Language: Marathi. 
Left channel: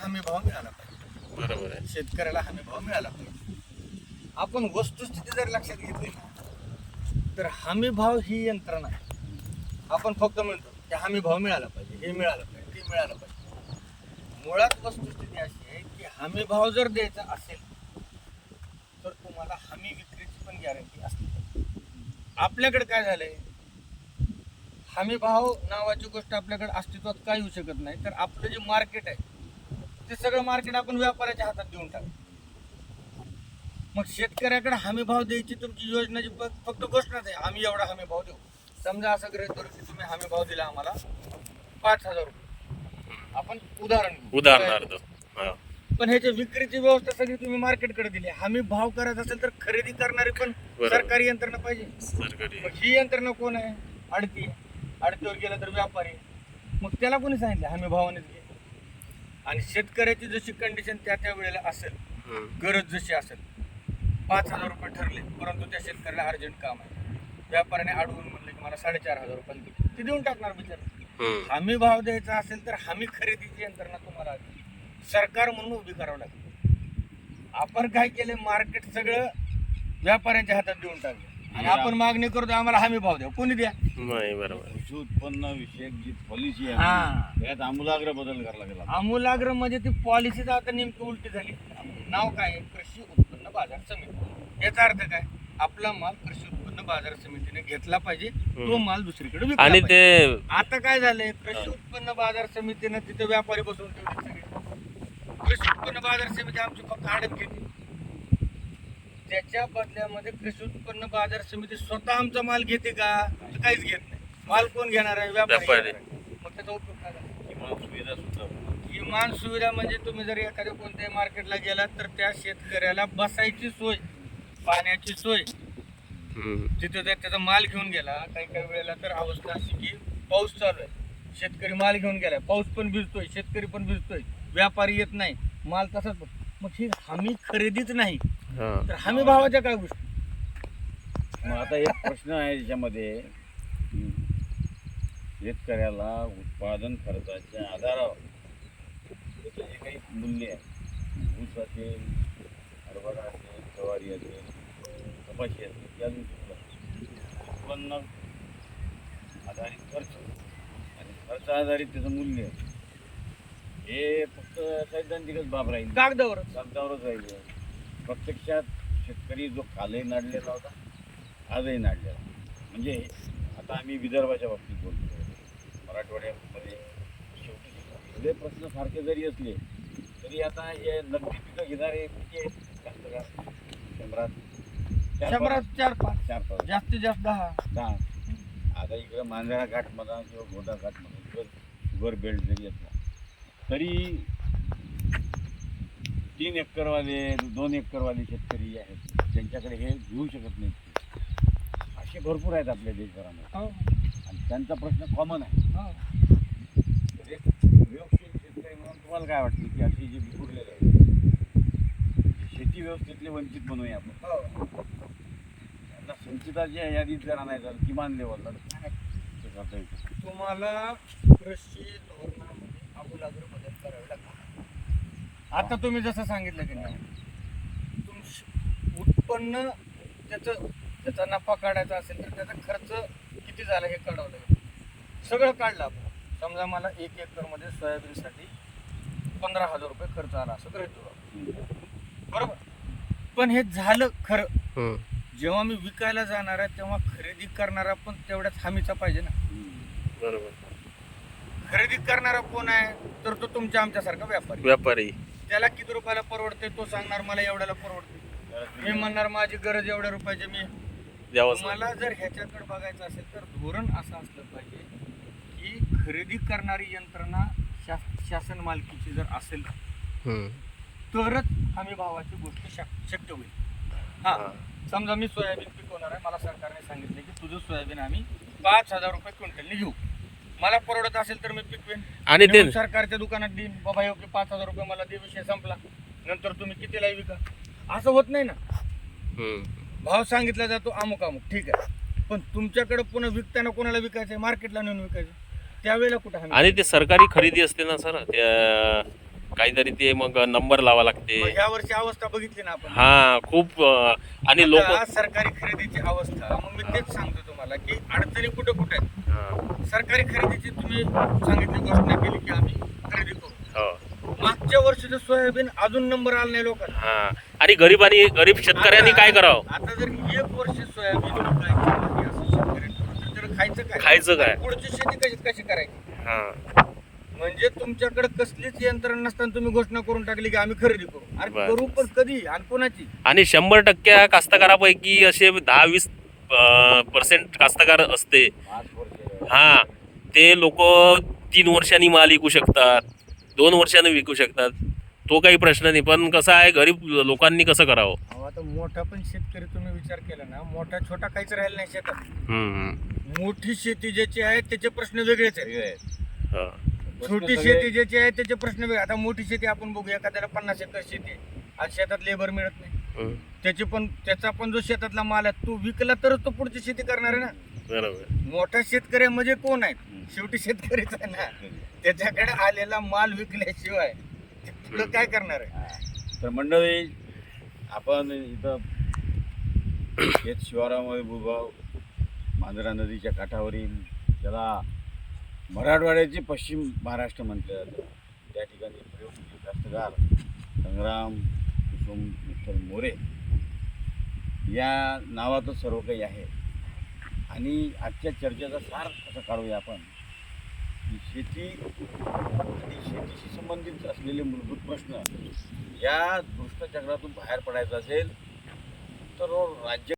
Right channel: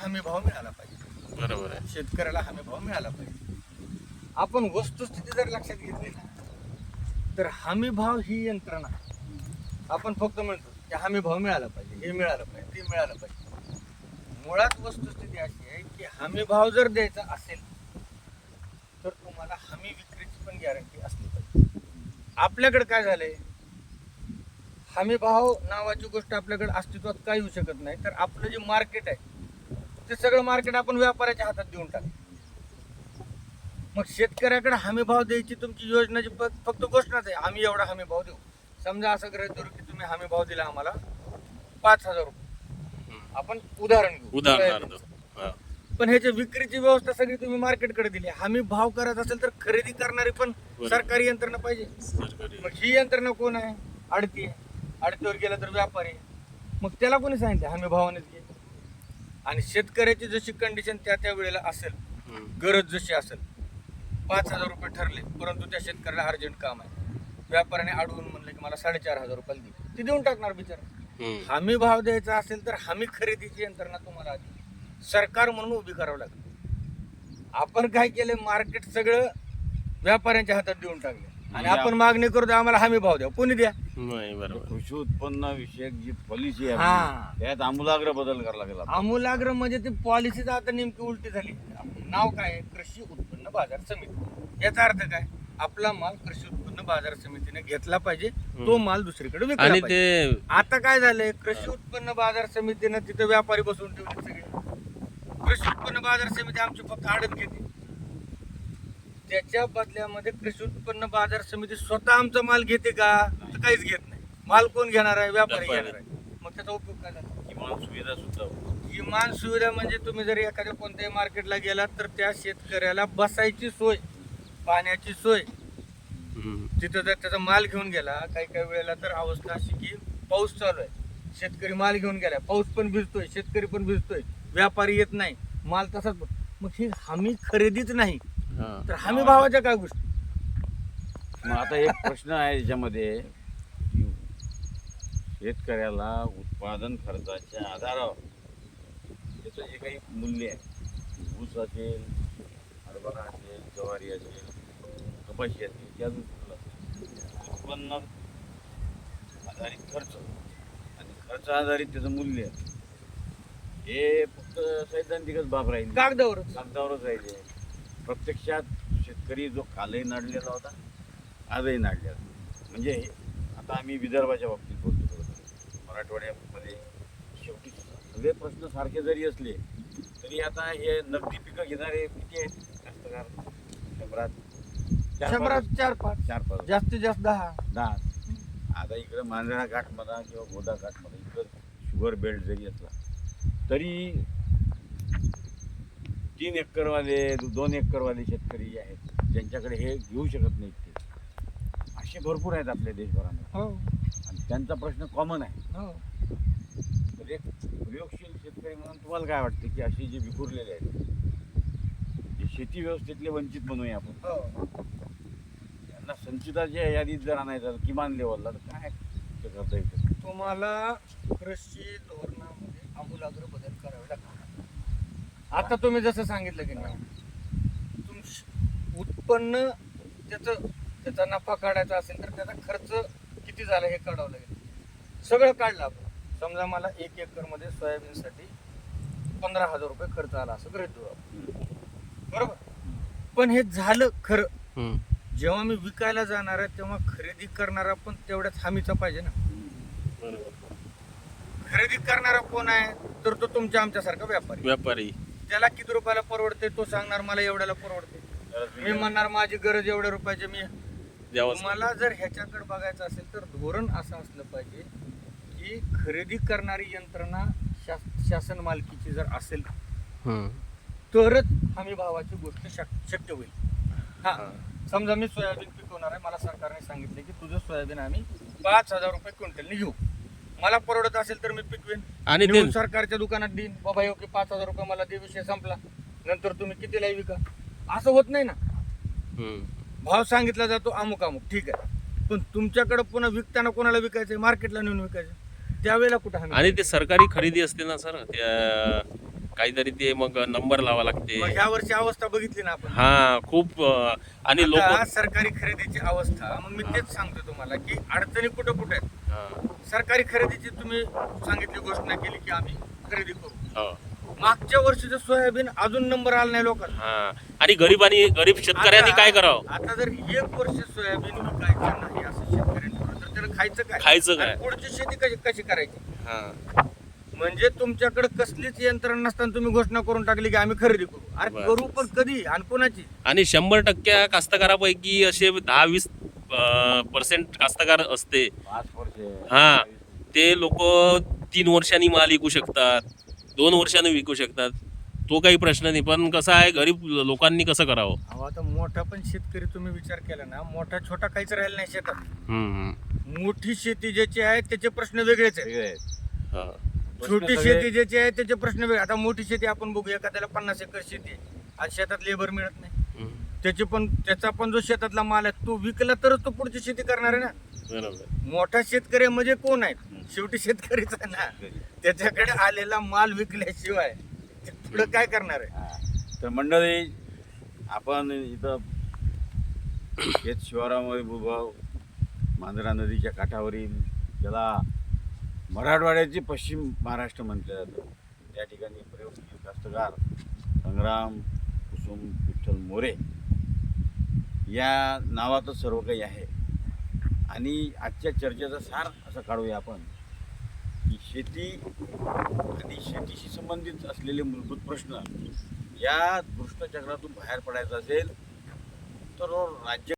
हमी भाव मिळाला पाहिजे. बरोबर आहे. शेतकऱ्याला हमी भाव मिळाला पाहिजे. आपण वस्तुस्थिती जर लक्षात घेतली ना तर हमी भाव ही यंत्रणा आपण फक्त म्हणतो की हमी भाव मिळाला पाहिजे हे मिळालं पाहिजे ते मिळालं पाहिजे. मुळात वस्तुस्थिती अशी आहे की हमी भाव जर द्यायचा असेल तर तुम्हाला हमी विक्रीची पण गॅरंटी असली पाहिजे. आपल्याकडे काय झालंय? हमी भाव नावाची गोष्ट आपल्याकडे अस्तित्वात काय येऊ शकत नाही तर आपलं जे मार्केट आहे ते सगळं मार्केट आपण व्यापाऱ्याच्या हातात देऊन टाक. मग शेतकऱ्याकडे हमी भाव द्यायची तुमची योजनाची फक्त घोषणाच आहे. आम्ही एवढा हमी भाव देऊ. समजा असं गृहीत धरू की तुम्ही हमी भाव दिला आम्हाला पाच हजार रुपये. आपण उदाहरण घेऊ. उदाहरणार्थ. पण ह्याच्या विक्रीची व्यवस्था सगळी तुम्ही मार्केटकडे दिली. हमी भाव करायचा असेल तर खरेदी करणारी पण. सरकारी यंत्रणा पाहिजे. मग ही यंत्रणा कोण आहे? आडती आहे. आडतीवर गेला तर व्यापारी. मग त्याला कोणी सांगितलं? हमी भावानेच घे. आणि शेतकऱ्याची जशी कंडिशन त्या त्या वेळेला असेल. गरज जशी असेल पाच हजार रुपये ठरले परंतु त्या शेतकऱ्याला अर्जंट काम आहे. व्यापाऱ्याने अडवून म्हणलं की मला साडेचार हजार रुपये दे. ते देऊन टाकणार बिचारा. हमी भाव द्यायचा असेल तर हमी खरेदीची यंत्रणा तुम्हाला आधी सरकार म्हणून उभी करावं लागेल. आपण काय केलं? मार्केट सगळं व्यापाऱ्यांच्या हातात देऊन टाकलं. आणि आपण मागणी करतो आम्हाला हमी भाव द्या. कोणी द्या? नाही बरोबर. कृषी उत्पन्न विषयक जी पॉलिसी आहे हा. आपली, त्यात आमूलाग्र बदल करावा लागेल आपल्याला. आमूलाग्र म्हणजे ती पॉलिसीच आता नेमकी उलटी झाली. नाव काय आहे? कृषी उत्पन्न बाजार समिती. याचा अर्थ काय? आपला माल कृषी उत्पन्न बाजार समितीने घेतला पाहिजे. तो माल दुसरीकडे विकला आणि पाहिजे. ते आता काय झालंय? कृषी उत्पन्न बाजार समितीनं तिथं व्यापारी बसवून ठेवले सगळे. कृषी उत्पन्न बाजार समिती आमची फक्त आडत घेते. त्याच्या बदल्यामध्ये कृषी उत्पन्न बाजार समिती स्वतः आमचा माल घेते का? तर काहीच घेत नाही. माल कोण घेणार आहे? व्यापारी व्यापारी. घेणार आहे. मग त्याचा उपयोग काय झाला? किमान सुविधा सुद्धा. किमान सुविधा म्हणजे तुम्ही जर एखाद्या कोणत्याही मार्केटला गेलात तर त्या शेतकऱ्याला बसायची सोय पाण्याची सोय. तिथं जर त्याचा माल घेऊन गेला काही काही वेळेला तर अवस्था अशी की पाऊस चालू आहे. शेतकरी माल घेऊन गेलाय. पाऊस पण भिजतोय शेतकरी पण भिजतोय. व्यापारी येत नाही. माल तसाच मग ही हमी खरेदीच नाही. हा. तर हमी भावाच्या काय गोष्टी? मग आता एक प्रश्न आहे याच्यामध्ये की शेतकऱ्याला उत्पादन खर्चाच्या आधारावर त्याचं जे काही मूल्य आहे. ऊस असेल हरभरा असेल ज्वारी असेल कपाशी असेल त्या दृष्टीला उत्पन्न आधारित खर्च आणि खर्च आधारित त्याचं मूल्य हे फक्त सैद्धांतिकच बाब राहील. कागदावरच. कागदावरच राहिले प्रत्यक्षात शेतकरी जो कालही नाडलेला होता आजही नाडलेला. म्हणजे आता आम्ही विदर्भाच्या बाबतीत बोलतो. मराठवाड्यामध्ये शेवटी सगळे प्रश्न सारखे जरी असले तरी आता हे नगदी पिकं घेणारे किती आहेत कास्तकार. शंभरात शंभरात चार पाच. चार पाच. जास्तीत जास्त दहा. दहा. आता इकडं मांजरा घाट म्हणा किंवा गोदा घाट म्हणा इकडं शुगर बेल्ट जरी असला तरी तीन एकरवाले दोन एकरवाले शेतकरी जे आहेत ज्यांच्याकडे हे घेऊ शकत नाहीत ते. असे भरपूर आहेत आपल्या देशभरामध्ये. हो. आणि त्यांचा प्रश्न कॉमन आहे. हो. तर एक प्रयोगशील शेतकरी म्हणून तुम्हाला काय वाटते की अशी जे विखुरलेले आहेत जे शेती व्यवस्थेतले वंचित म्हणूया आपण? हो. त्यांना संचिताच्या यादीत जर आणायचं किमान लेवलला तर काय ते करता येईल? तुम्हाला कृषी धोरणामध्ये आमूलाग्र बदल करावे लागतात आता तुम्ही जसं सांगितलं की नाही तुम उत्पन्न त्याचं त्याचा नफा काढायचा असेल तर त्याचा खर्च किती झाला हे काढावं लागेल सगळं काढलं आपण. समजा मला एक एकरमध्ये सोयाबीनसाठी पंधरा हजार रुपये खर्च आला असं आपण. बरोबर? पण हे झालं खरं. जेव्हा मी विकायला जाणार आहे तेव्हा खरेदी करणारा पण तेवढ्याच हमीचा पाहिजे ना. बरोबर. खरेदी करणारा कोण आहे तर तो तुमच्या आमच्यासारखा व्यापारी. व्यापारी. त्याला किती रुपयाला परवडते तो सांगणार मला एवढ्याला परवडते मी म्हणणार माझी गरज एवढ्या रुपयाची मी द्यावंच मला जर ह्याच्याकडे बघायचं असेल तर धोरण असं असलं पाहिजे की खरेदी करणारी यंत्रणा शा- शासन मालकीची जर असेल. तरच आम्ही भावाची गोष्ट शक- शक्य होईल. हा. हा. समजा मी सोयाबीन पिकवणार आहे मला सरकारने सांगितले की तुझं सोयाबीन आम्ही पाच हजार रुपये क्विंटलने घेऊ. मला परवडत असेल तर मी पिकवेन. आणि ते सरकारच्या दुकानात देईन. बाबा की पाच हजार रुपये मला दे विषय संपला. नंतर तुम्ही कितीला विका? असं होत नाही ना. हम्म. भाव सांगितला जातो अमुक अमुक. ठीक आहे. पण तुमच्याकडे पुन्हा विकताना कोणाला विकायचं मार्केटला नेऊन विकायचं त्यावेळेला कुठं हमी आणि ते सरकारी खरेदी असते ना सर त्या काहीतरी ते मग नंबर लावा लागते. ह्या वर्षी अवस्था बघितली ना आपण. हा खूप अं, आणि लोक आता सरकारी खरेदीची अवस्था. मग मी तेच सांगतो तुम्हाला की अडचणी कुठं कुठे आहेत? हा. सरकारी खरेदीची तुम्ही सांगितली घोषणा केली की आम्ही खरेदी करू. हो. मागच्या वर्षीचं सोयाबीन अजून नंबर आला नाही लोकांना. हा. आणि गरीबांनी गरीब शेतकऱ्यांनी काय करावं? आता जर एक वर्ष सोयाबीन विकायचं नाही असं शेतकऱ्यांनी ठरवलं, तर त्याला खायचं काय? खायचं काय? पुढची शेती कशी कशी करायची? हा. म्हणजे तुमच्याकडे कसलीच यंत्रणा नसताना तुम्ही घोषणा करून टाकली की आम्ही खरेदी करू. अरे करू. पण कधी आणि कोणाची? आणि शंभर टक्क्या कास्तकारापैकी असे दहा वीस पर्सेंट कास्तकार असते. हा ते लोक तीन वर्षांनी माल विकू शकतात दोन वर्षांनी विकू शकतात. तो काही प्रश्न नाही पण कसं आहे गरीब लोकांनी कसं करावं? अहो, आता मोठा पण शेतकरी तुम्ही विचार केला ना मोठा छोटा काहीच राहिला नाही शेतात. हम्म, हम्म. मोठी शेती ज्याची आहे त्याचे प्रश्न वेगळेच आहेत. हा. छोटी शेती ज्याची आहे त्याचे प्रश्न वेगळे. आता मोठी शेती आपण बघू एखाद्याला पन्नास एकर शेती आहे. आज शेतात लेबर मिळत नाही. त्याची पण त्याचा पण जो शेतातला माल आहे तो विकला तरच तो पुढची शेती करणार आहे ना. बरोबर. मोठा शेतकऱ्यामध्ये कोण आहे? शेवटी शेतकरीच आहे ना. त्याच्याकडे आलेला माल विकल्याशिवाय पुढं काय करणार आहे? हा. तर मंडळी आपण इथं शेत शिवारामध्ये भूभाव मांजरा नदीच्या काठावरील ज्याला मराठवाड्याचे पश्चिम महाराष्ट्र म्हटलं जातं. त्या ठिकाणी प्रयोग कास्तकार संग्राम कुसुम विठ्ठल मोरे या नावातच सर्व काही आहे. आणि आजच्या चर्चेचा सार असं काढूया आपण की शेती आणि शेतीशी संबंधित असलेले मूलभूत प्रश्न या दुष्टचक्रातून बाहेर पडायचं असेल तर राज्य